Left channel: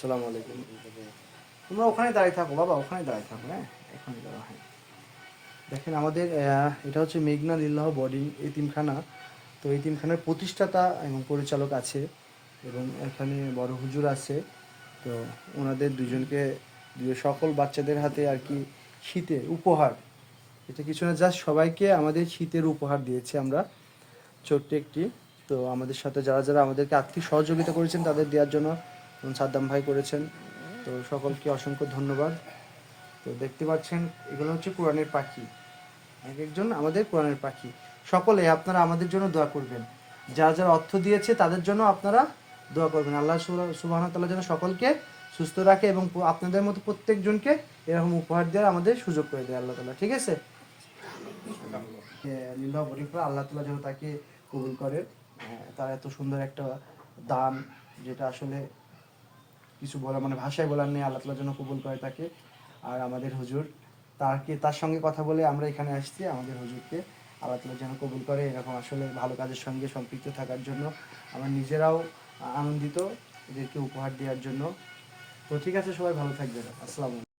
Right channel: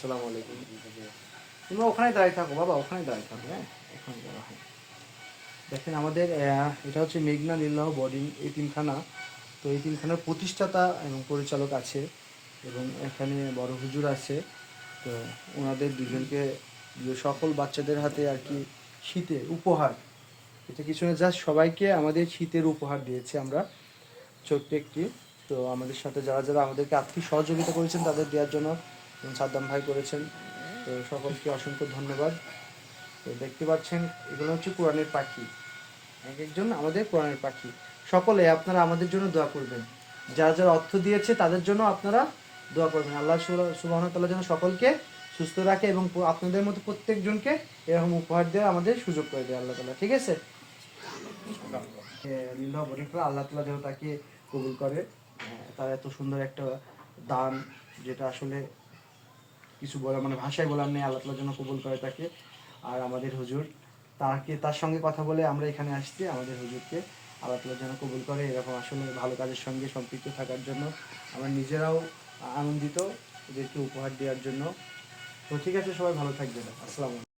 আসসালামু আলাইকুম। তোমরা ওখানে দাঁড়িয়ে থাকো বাবা, ওখানে দাঁড়িয়ে থাকো। হ্যাঁ, এখানে দাঁড়াও। হ্যাঁ, দেখেন আমাদের এটা হচ্ছে মেঘনা লিল্লাহ বোর্ডিং এতিমখানা। তো এতিমখানার প্রতিষ্ঠাতা এবং পরিচালক আছে, এবং এখানে বড় হুজুর আছে। তো ওনাদের দুজনকে সকল বাচ্চাদের হাতে আর কি শীতের উপহার, এটা কিছু না, জাস্ট সবাইকে আমাদের শীতের উপহার দিয়েছি আমরা, ছোট্ট একটি। তো আমাদের সাথে যারা যারা আমাদেরকে আর্থিক সহযোগিতা করেছেন তাদের দেওয়ার জন্য, যেমন সাদ্দাম ভাই করেছেন, তো সকলকে অসংখ্য ধন্যবাদ। তো দেখতে পাচ্ছেন এগুলো হচ্ছে কোরআনের পাখি, এক একজন আমাদের কোরআনের পাখি। সকলে আপনারা আমাদের জন্য দোয়া করবেন, যারা যারা অর্থ দিয়েছে তাদের জন্য আপনারা দোয়া করবেন। আল্লাহ সুবহানাহু ওয়া তাআলা যেন সকলকে সুস্থ রাখে এবং আপনাদের মতো প্রত্যেকজনকে এরকম উপহার দেওয়ার আমাদের সুযোগ করে দেয় আল্লাহ তাআলা, ঠিক আছে? লিল্লাহ বরিফা, আল্লাহ তাআলা যেন তাকে কবুল করে। তার এত সুন্দর একটা দান, যেটা আসলে কিছু বলা মানে ভাষায় বলার নেই, আল্লাহ তাআলা যেন কবুল করে তাকে। আর আমাদের হুজুর, তার সঙ্গে কথা বলে আমরা এখানে আসছি, আমাদের হুজুরকে আল্লাহ তাআলা যেন কবুল করে। এরকম আসলে ভালো কাজের সঙ্গে সম্পৃক্ত থাকার জন্য আমরা নিজেরাও আনন্দিত এদেরকে উপহার দেওয়ার জন্য। তো ঠিক আছে, সবাই ভালো থাকবেন। আসসালামু আলাইকুম।